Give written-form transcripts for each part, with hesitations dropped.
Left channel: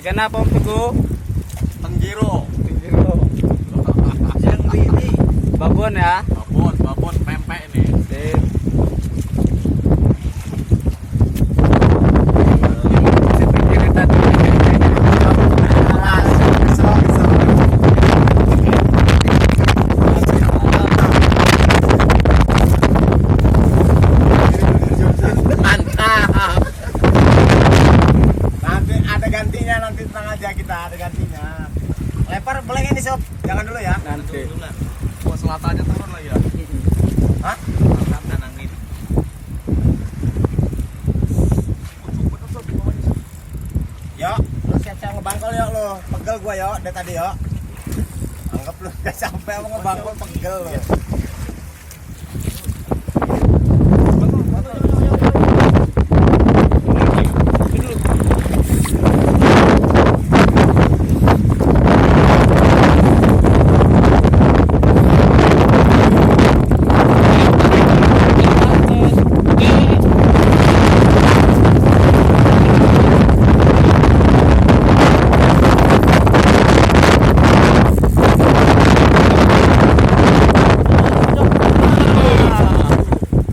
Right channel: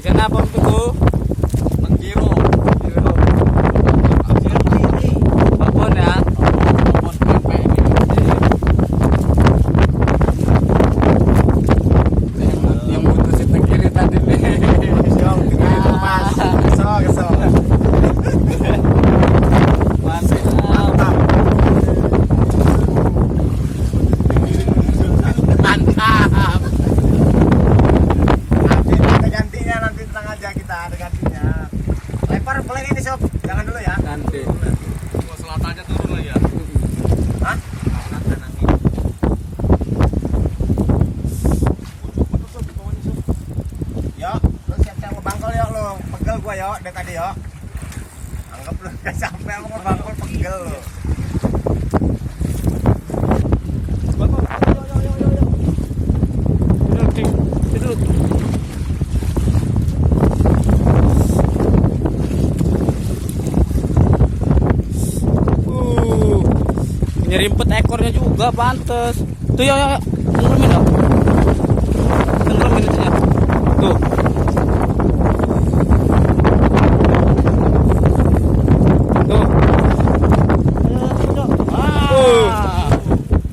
Ikan apa Om Teguh? Penggiro. Giro. Babon ya. Babon pempek ini. Yang si penggiri tadi. Masih mantap. Mantap. Nanti ada gantinya, nanti tenang aja, kita ada gantinya. Lempar beleng ini sob, jangan dulu ya. Nanti. Gua selatannya turun lagi ya. Hah? Selatannya nangin. Yo, lu siap-siap ngebangkol ya lo. Pegel gua yo, dari tadi yo. Anggap lu gak sampai apa ngebangkol, pegel lo. Jadi penekor juga pantes. Itu ya.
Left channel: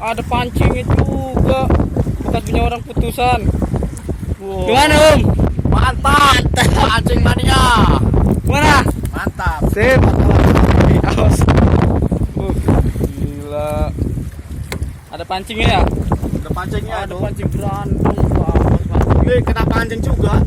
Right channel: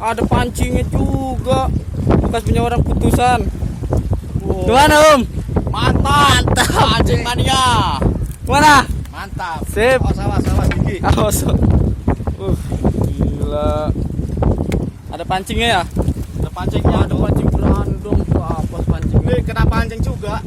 Ada pancingnya juga. Bekas punya orang putusan. Gimana Om? Mantap. Pancing mania. Mana? Mantap. Sip. Awas. Gila. Ada pancingnya ya? Ada pancingnya, Ada pancing berandung. Wah, pancing. Kena pancing juga.